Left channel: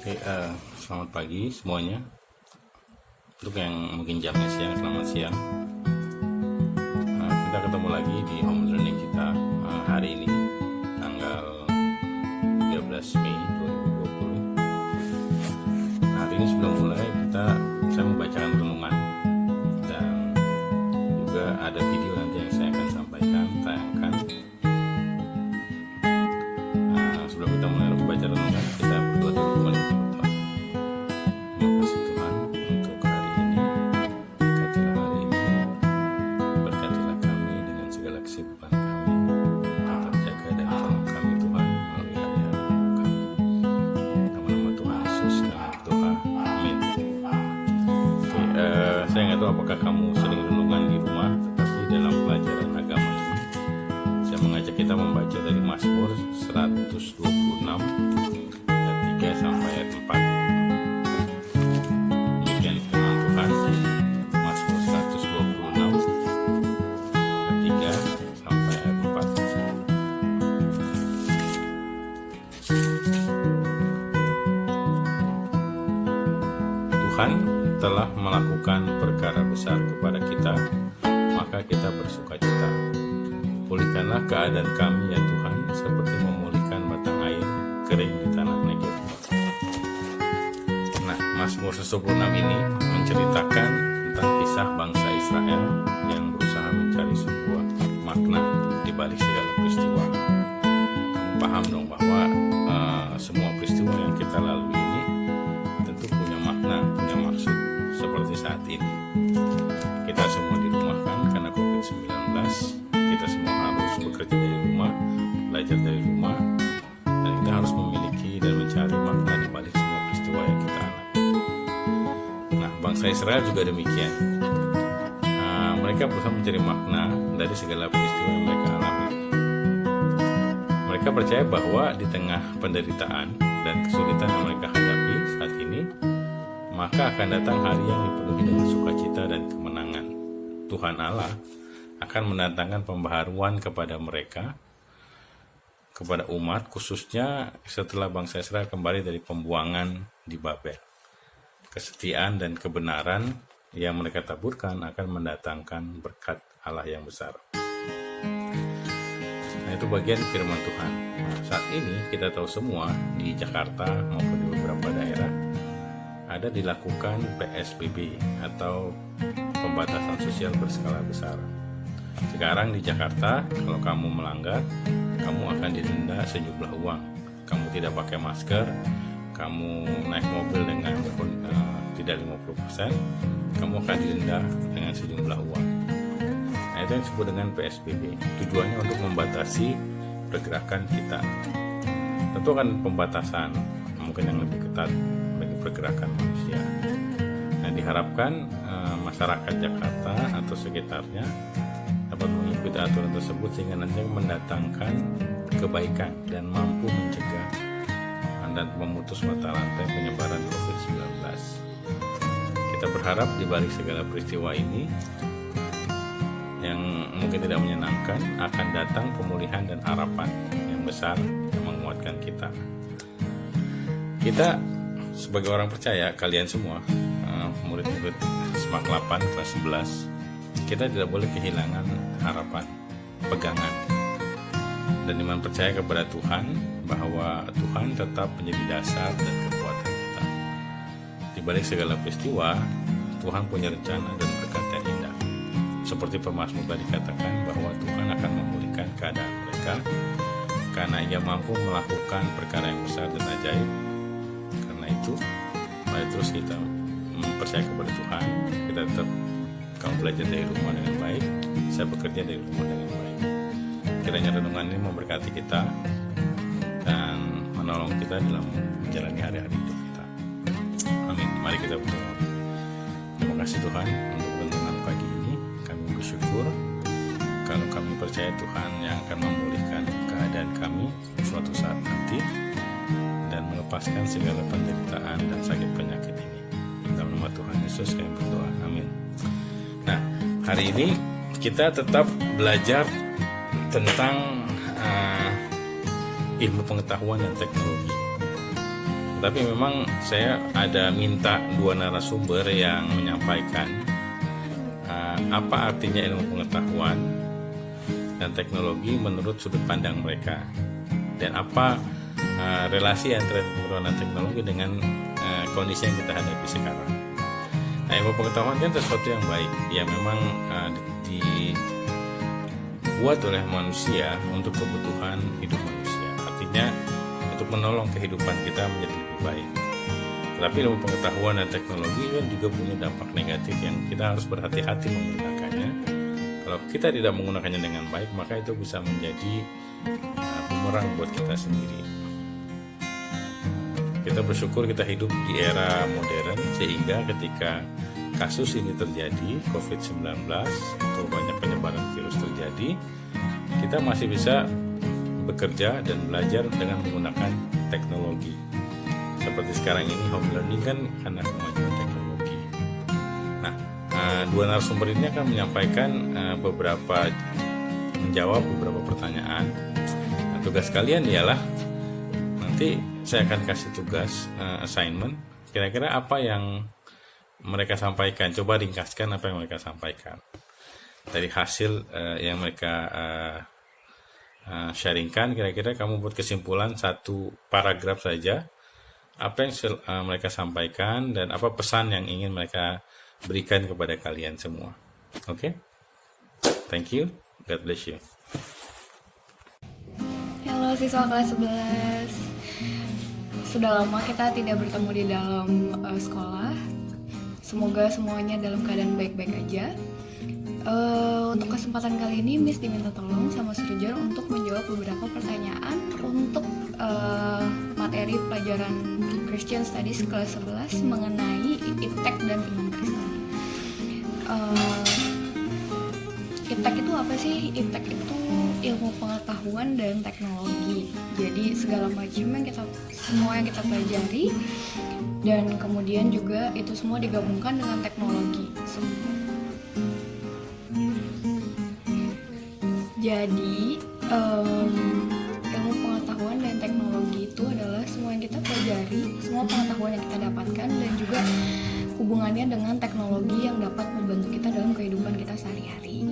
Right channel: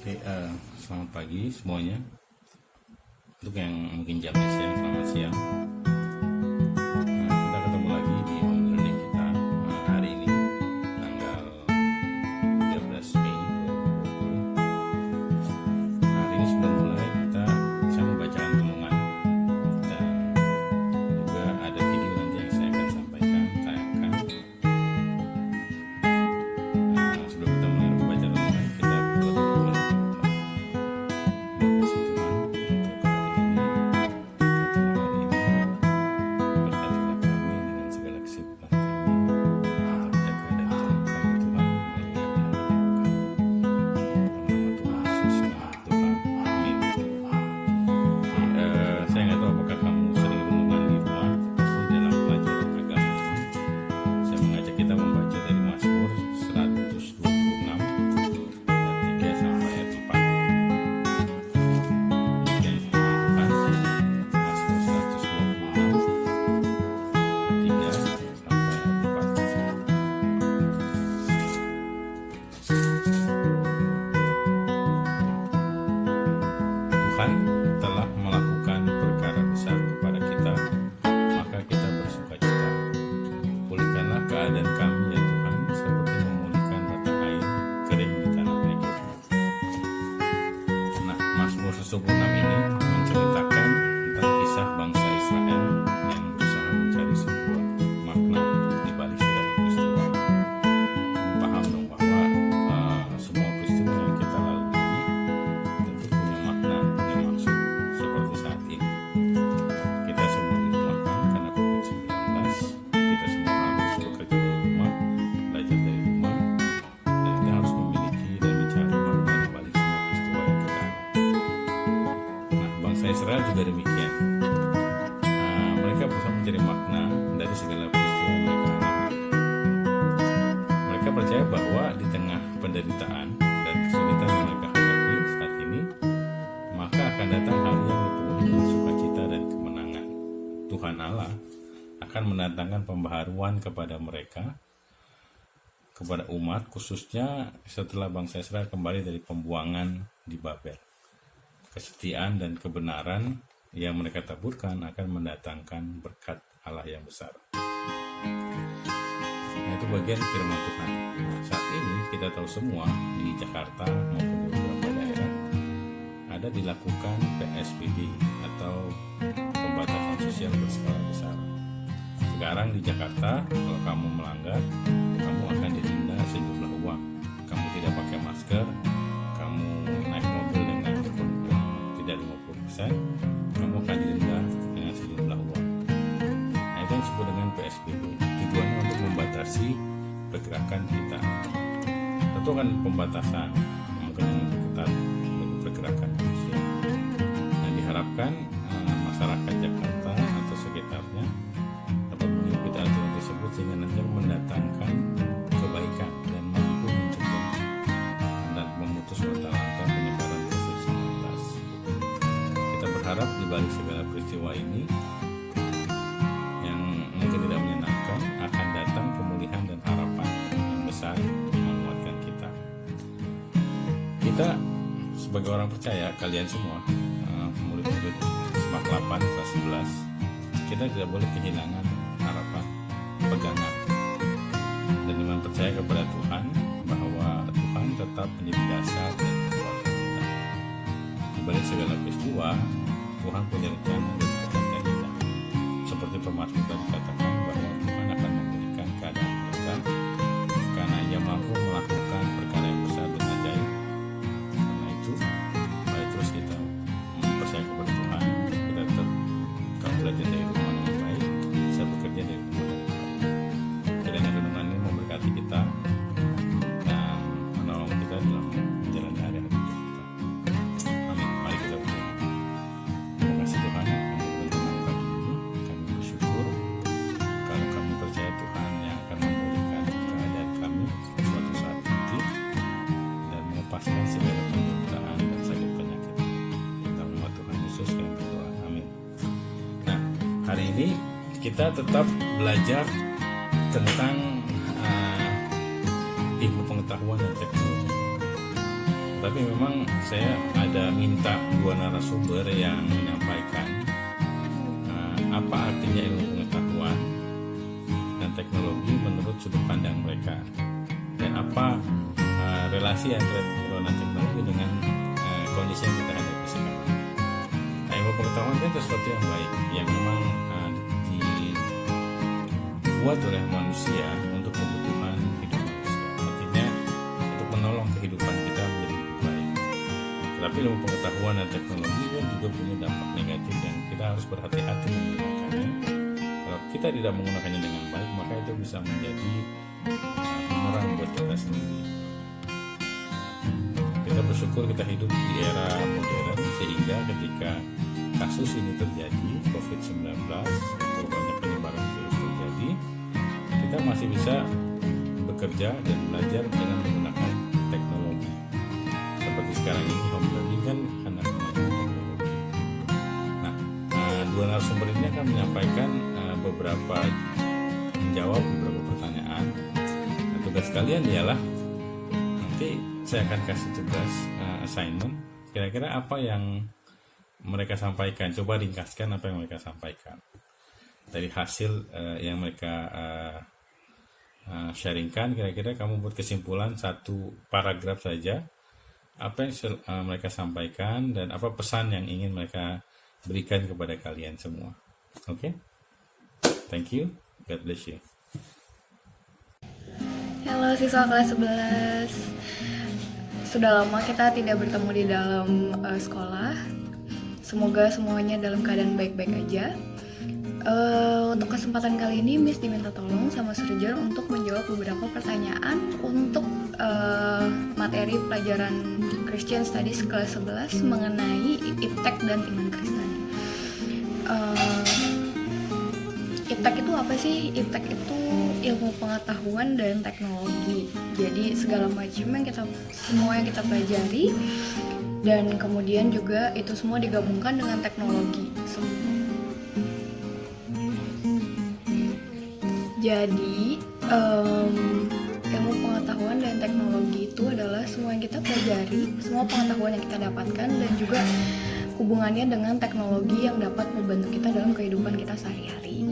Oke, selamat pagi semuanya. Untuk yang mungkin jamnya siang, selamat siang. Kita ketemu lagi di home learning kita hari ini, tanggal 13 Mei 2020. Nah, hari ini sebelum mulai saya mau bacakan renungan dan juga ada video nanti yang saya akan tayangkan. Sebelum kita mulai membaca renungan, kita berdoa dulu. Mari kita berdoa. Terima kasih Tuhan untuk hari ini. Berkatilah hari ini, berkatilah kami dengan segala kesibukan kami. Tetap jaga dan tolong kami Tuhan melalui hari-hari hidup kami. Dalam nama Tuhan Yesus kami berdoa. Amin. Oke, saya nggak tahu apakah kamu sering renungan di rumah, tetapi dalam pelajaran agama ini saya mengajak kita membaca dari Mazmur 126 ayat 3 sampai ayat 4. Demikian firman Tuhan. Mazmur 126 ayat 3 sampai ayat 4. Tuhan telah melakukan perkara besar kepada kita, maka kita bersukacita. Pulihkanlah keadaan kami ya Tuhan, seperti memulihkan batang air kering di tanah Negev. Nah, Mazmur 126 ini menceritakan tentang kisah bangsa Israel yang berusaha mencari sebuah makna di balik segala peristiwa. Kamu paham dong bahwa semua peristiwa yang kita lalui ini tentu punya makna, punya maksud, seperti saat ini. Kita semua dirumahkan karena COVID-19. Kita semua harus bekerja dari rumah, belajar dari rumah, dan kita harus memiliki dan mencari makna di balik semua peristiwa yang kita alami. Nah, bangsa Israel juga demikian. Mereka berusaha mencari makna dari segala peristiwa yang mereka alami. Mereka percaya bahwa di tengah penderitaan dan kesulitan yang mereka hadapi saat ini, maka akan datang hari yang dipenuhi dengan sukacita dan kemenangan. Tuhan Allah akan mendatangkan pembaharuan kepada mereka, kepada umat, khususnya setelah bangsa Israel kembali dari pembuangan di Babel. Kesetiaan dan kebenaran yang mereka taburkan akan mendatangkan berkat Allah yang besar. Nah, itu bagian firman Tuhan. Nah, saat ini kita tahu semua di Jakarta maupun di beberapa daerah ada dilakukan PSBB atau pembatasan sosial berskala besar. Sekarang di Jakarta, kalau kamu melanggar, kamu akan didenda sejumlah uang. Kamu tidak pakai masker, kamu naik mobil dengan tidak 50%, kamu akan didenda dengan sejumlah uang. Nah, itu yang disebut dengan PSBB. Tujuannya untuk membatasi pergerakan kita. Tentu kan pembatasan, mungkin yang lebih ketat bagi pergerakan manusia. Nah, diharapkan masyarakat Jakarta atau sekitarnya dapat mengikuti aturan tersebut sehingga nanti mendatangkan kebaikan dan mampu mencegah dan memutus mata rantai penyebaran COVID-19. Kita berharap di balik segala peristiwa ini yang mungkin tidak menyenangkan akan datang pemulihan dan harapan yang besar yang menguatkan kita. Kita sebagai orang percaya, kalian semua murid-murid SMAK 8 kelas 11, kita tidak boleh kehilangan harapan, pegangan, dan iman percaya kepada Tuhan bahwa Tuhan tetap menjadi dasar dan kekuatan kita. Di balik segala peristiwa, Tuhan punya rencana dan berkat yang indah. Seperti pemazmur tadi katakan bahwa Tuhan akan memulihkan keadaan mereka karena Ia mampu melakukan perkara yang besar dan ajaib. Karena itu, mari terus kita percaya kepada Tuhan. Kita tetap, kamu belajar dari rumah dengan baik, saya bekerja dari rumah dengan baik. Kiranya renungan ini memberkati kita dan menolong kita dalam menjalani hari-hari hidup kita. Amin. Mari kita berdoa. Terima kasih Tuhan untuk renungan pagi ini. Kami bersyukur kalau kami percaya Tuhan yang akan memulihkan keadaan kami suatu saat nanti dan melepaskan segala penderitaan dan sakit penyakit. Dalam nama Tuhan Yesus kami berdoa. Amin. Nah, hari ini kita tetap belajar tentang ilmu pengetahuan dan teknologi. Tapi memang saya ada minta dua narasumber yang menyampaikan apa artinya ilmu pengetahuan dan teknologi menurut sudut pandang mereka, dan apa relasi antara pengetahuan dan teknologi dengan kondisi yang kita hadapi sekarang. Nah, ilmu pengetahuan kan sesuatu yang baik, yang memang dibuat oleh manusia untuk kebutuhan hidup manusia. Artinya untuk menolong kehidupan kita menjadi lebih baik. Tapi ilmu pengetahuan dan teknologi kan juga punya dampak negatif yang kita harus berhati-hati menggunakannya. Kalau kita tidak menggunakannya dengan baik, maka itu bisa menjadi bumerang buat kita sendiri. Kita bersyukur kita hidup di era modern, sehingga ketika kasus ini terjadi, COVID-19, itu banyak penyebaran virus terjadi, kita masih bisa bekerja dan belajar dengan menggunakan teknologi. Seperti sekarang ini home learning kan karena kemajuan teknologi. Nah, dua narasumber ini akan menyampaikan menjawab beberapa pertanyaan. Nah, tugas kalian ialah nanti saya akan kasih tugas assignment. Kira-kira apa yang mereka sampaikan? Coba ringkaskan apa yang mereka sampaikan. Dari hasil yang mereka sharingkan, kira-kira kamu buat kesimpulan satu paragraf saja. Apa yang mereka sampaikan dan apa pesan yang ingin mereka berikan kepada kalian semua. Oke? Thank you. God bless you. Halo siswa kelas 11. Sudah lama kita tidak bertemu di dalam sekolah. Semoga semuanya dalam keadaan baik-baik aja. Untuk kesempatan kali ini Miss diminta tolong sama Surjan untuk menjawab beberapa pertanyaan untuk materi pelajaran Christian Studies kelas 11 mengenai iptek dan iman Kristen. Iptek itu apa sih? Iptek itu ilmu pengetahuan dan teknologi. Jadi segala macam semua yang kita pelajari, dan kemudian juga itu semua digabungkan dengan teknologi. Jadi ilmu pengetahuan dan teknologi itu adalah semua yang kita pelajari, semua pengetahuan yang kita dapatkan, dan juga hubungannya dengan teknologi yang dapat membantu kita dalam kehidupan kita sehari-hari.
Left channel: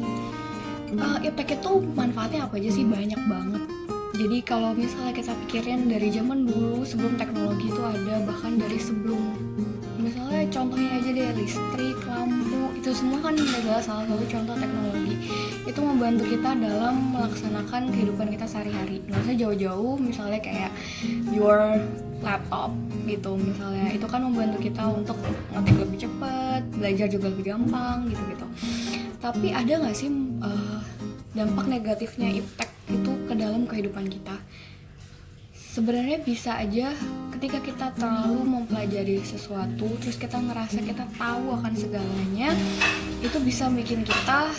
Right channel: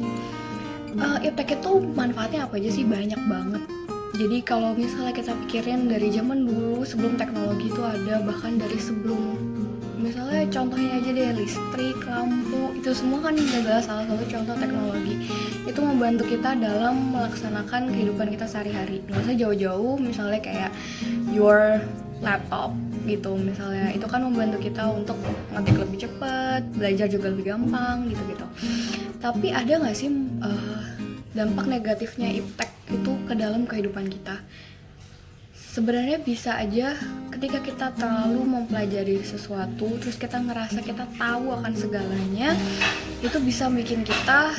Iptek itu manfaatnya apa aja sih? Banyak banget. Jadi kalau misalnya kita pikirin dari zaman dulu sebelum teknologi itu ada, bahkan dari sebelum, misalnya contohnya aja deh, listrik, lampu, itu semua kan adalah salah satu contoh teknologi. Itu membantu kita dalam melaksanakan kehidupan kita sehari-hari. Nggak usah jauh-jauh, misalnya kayak your laptop gitu, misalnya itu kan membantu kita untuk ngetik lebih cepat, belajar juga lebih gampang gitu-gitu. Tapi ada nggak sih dampak negatifnya iptek itu ke dalam kehidupan kita? Sebenarnya bisa aja ketika kita terlalu mempelajari sesuatu, terus kita ngerasa kita tahu akan segalanya, itu bisa bikin kita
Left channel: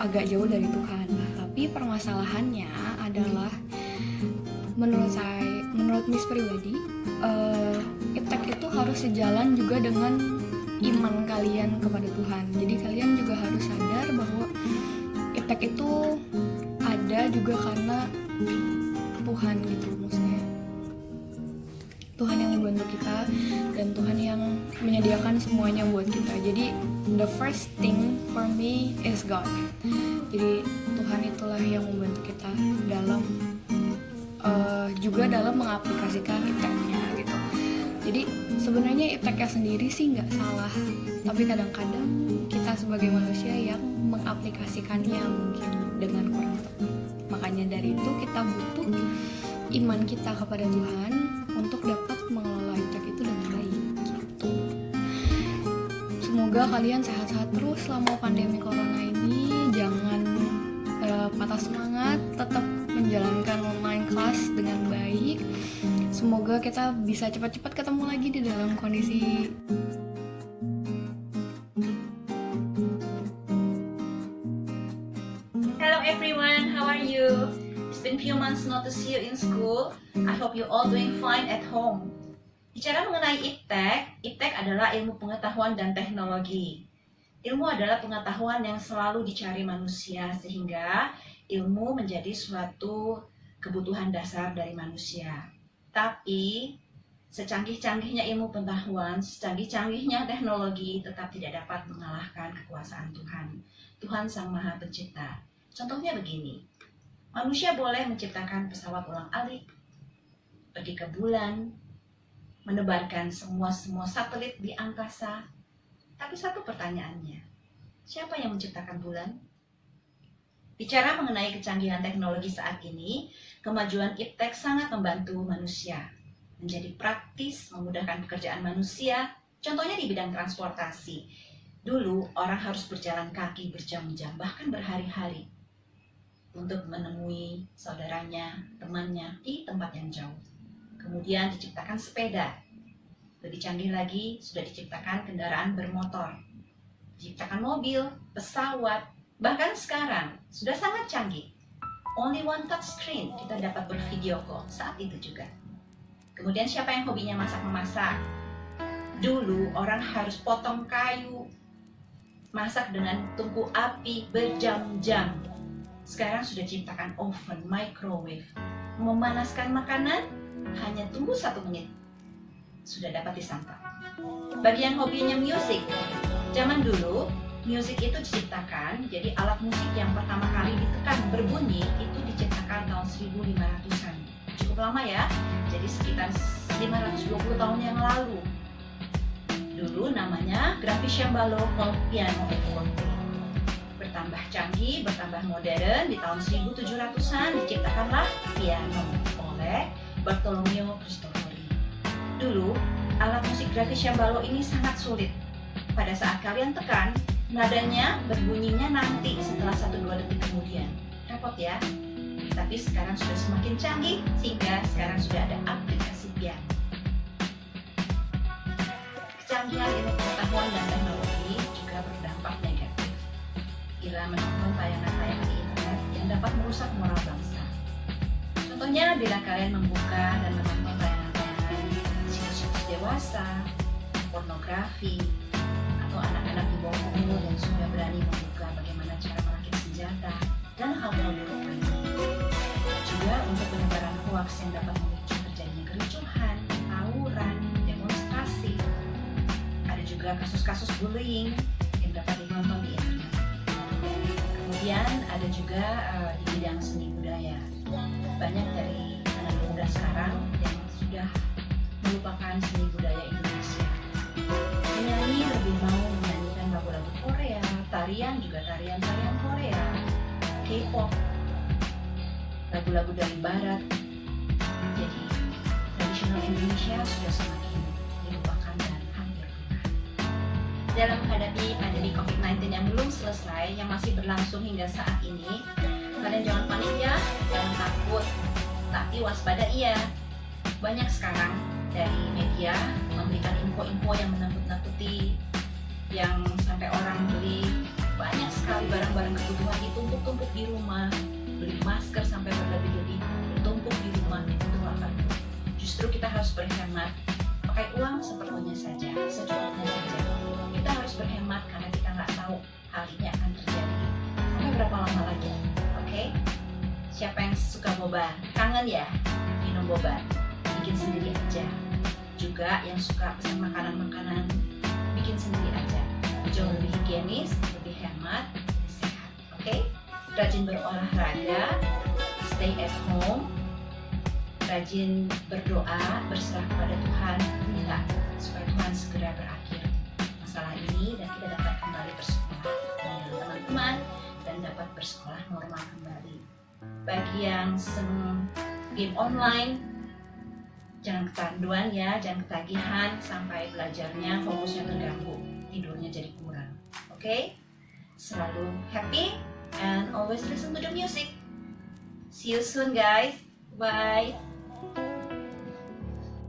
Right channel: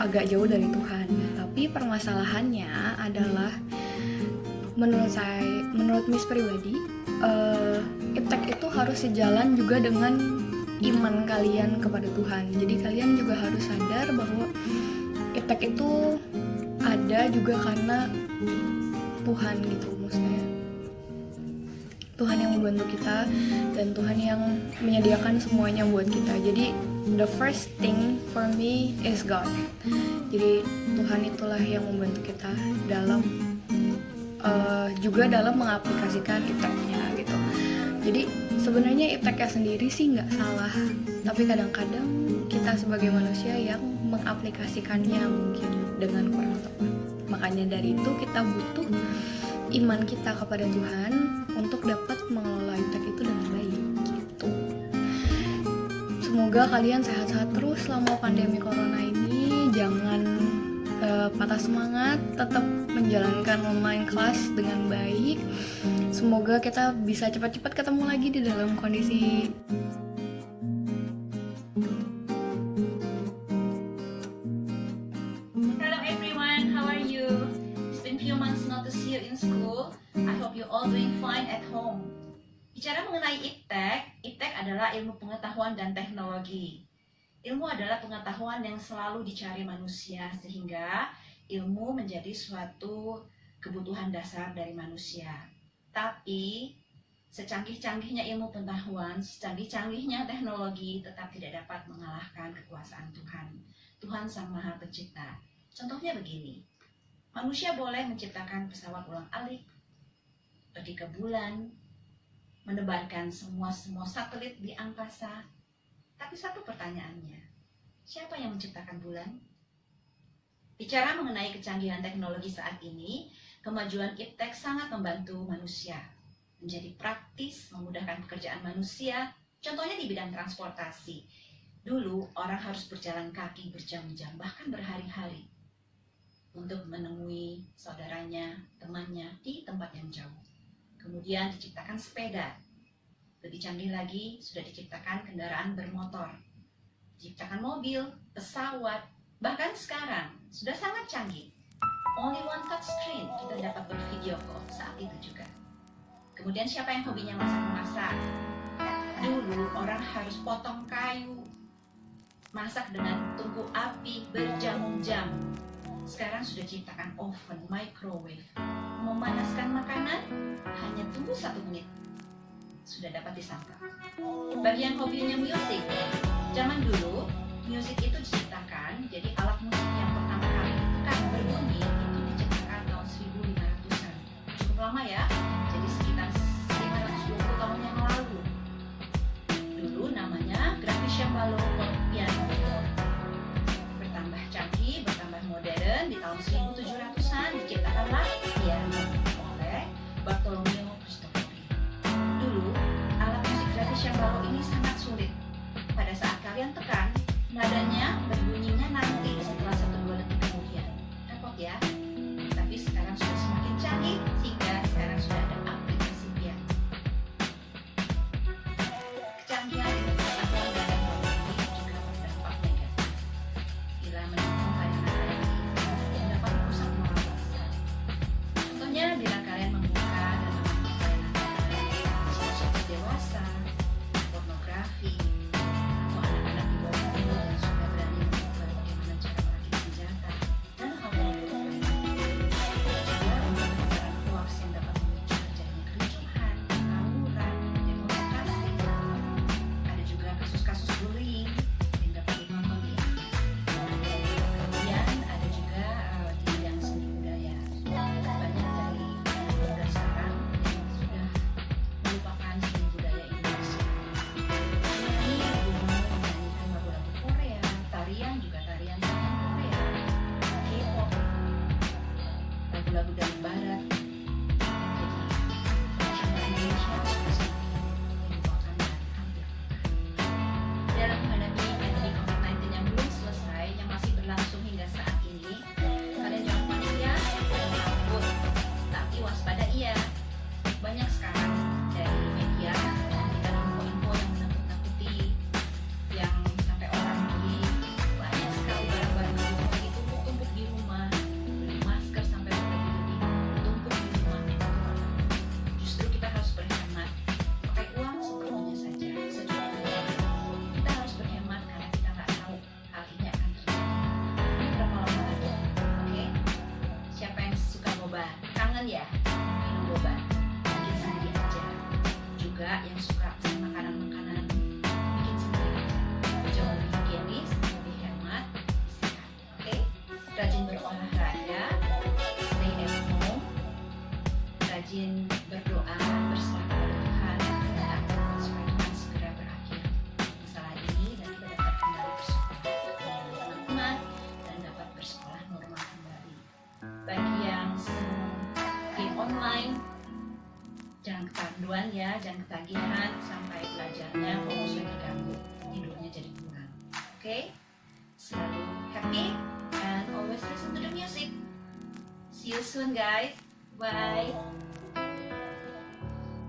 agak jauh dari Tuhan. Tapi permasalahannya adalah, menurut Miss pribadi, iptek itu harus sejalan juga dengan iman kalian kepada Tuhan. Jadi kalian juga harus sadar bahwa iptek itu ada juga karena Tuhan gitu, maksudnya Tuhan yang membantu kita dan Tuhan yang menyediakan semuanya buat kita. Jadi the first thing for me is God. Jadi Tuhan itulah yang membantu kita dalam juga dalam mengaplikasikan ipteknya gitu. Jadi sebenarnya ipteknya sendiri sih nggak salah, tapi kadang-kadang kita sebagai manusia yang mengaplikasikannya mungkin dengan kurang tepat. Makanya dari itu kita butuh iman kita kepada Tuhan untuk dapat mengelola iptek itu dengan baik gitu. Semoga kalian sehat-sehat terus selama pandemi corona ini. Jangan patah semangat, tetap menjalankan online class dengan baik. Semoga kita bisa cepat-cepat ketemu lagi di dalam kondisi few months not to see you in school. I hope you all doing fine at home. Bicara mengenai iptek adalah ilmu pengetahuan dan teknologi. Ilmu adalah pengetahuan yang selalu dicari manusia, sehingga ilmu menjadi suatu kebutuhan dasar dari manusia. Tapi Secanggih-canggihnya ilmu pengetahuan, secanggih-canggihnya teknologi, tetap tidak dapat mengalahkan kekuasaan Tuhan. Tuhan Sang Maha Pencipta. Contohnya begini, manusia boleh menciptakan pesawat ulang-alik, pergi ke bulan, menebarkan semua satelit di angkasa. Tapi satu pertanyaannya, siapa yang menciptakan bulan? Bicara mengenai kecanggihan teknologi saat ini, kemajuan iptek sangat membantu manusia menjadi praktis, memudahkan pekerjaan manusia, contohnya di bidang transportasi. Dulu orang harus berjalan kaki berjam-jam, bahkan berhari-hari untuk menemui saudaranya, temannya di tempat yang jauh. Kemudian diciptakan sepeda. Lebih canggih lagi, sudah diciptakan kendaraan bermotor, diciptakan mobil, pesawat, bahkan sekarang sudah sangat canggih. Only one touch screen, kita dapat bervideo call saat itu juga. Kemudian siapa yang hobinya masak-memasak? Dulu orang harus potong kayu, masak dengan tungku api berjam-jam. Sekarang sudah diciptakan oven, microwave. Memanaskan makanan hanya tunggu 1 menit, sudah dapat disantap. Bagi yang hobinya musik, zaman dulu musik itu diciptakan, jadi alat musik yang pertama kali ditekan berbunyi itu diciptakan tahun 1500-an. Cukup lama ya, jadi sekitar 520 tahun yang lalu. Dulu namanya gravicembalo piano. Bertambah canggih, bertambah modern, di tahun 1700-an diciptakanlah piano oleh Bartolomeo Cristofori. Dulu alat musik gravicembalo ini sangat sulit. Pada saat kalian tekan, nadanya berbunyinya nanti setelah 1-2 detik kemudian. Repot ya. Tapi sekarang sudah semakin canggih sehingga sekarang sudah ada aplikasi piano. Kecanggihan ilmu pengetahuan dan teknologi juga berdampak negatif bila menonton tayangan-tayangan di internet yang dapat merusak moral bangsa. Contohnya bila kalian membuka dan menonton tayangan-tayangan situs-situs dewasa, pornografi, atau anak-anak di bawah umur yang sudah berani membuka bagaimana cara merakit senjata dan hal-hal buruk lainnya. Juga untuk penyebaran hoaks yang dapat memicu terjadinya kericuhan, tawuran, demonstrasi. Ada juga kasus-kasus bullying yang dapat ditonton di internet. Kemudian ada juga di bidang seni budaya. Banyak dari anak muda sekarang yang sudah melupakan seni budaya Indonesia. Penyanyi lebih mau menyanyikan lagu-lagu Korea, tarian juga tarian-tarian Korea, K-pop, lagu-lagu dari barat. Jadi tradisional Indonesia sudah semakin dilupakan dan hampir punah. Dalam menghadapi pandemi COVID-19 yang belum selesai, yang masih berlangsung hingga saat ini, kalian jangan panik ya, jangan takut, tapi waspada iya. Banyak sekarang dari media memberikan info-info yang menakut-nakuti, yang sampai orang beli banyak sekali barang-barang kebutuhan ditumpuk-tumpuk di rumah, beli masker sampai berlebih-lebih ditumpuk di rumah. Itu apa? Justru kita harus berhemat, pakai uang seperlunya saja, secukupnya saja. Kita harus berhemat karena kita nggak tahu hal ini akan terjadi sampai berapa lama lagi. Oke? Siapa yang suka boba? Kangen ya minum boba? Bikin sendiri aja. Juga yang suka pesan makanan-makanan, bikin sendiri aja. Jauh lebih higienis, lebih hemat, lebih sehat. Oke? Rajin berolahraga, stay at home, rajin berdoa, berserah kepada Tuhan, minta supaya Tuhan segera berakhir masalah ini dan kita dapat kembali bersekolah dengan teman-teman dan dapat bersekolah normal kembali. Bagi yang senang game online, jangan kecanduan ya, jangan ketagihan sampai belajarnya fokusnya terganggu, tidurnya jadi kurang. Oke? Selalu happy and always listen to the music. See you soon guys. Bye.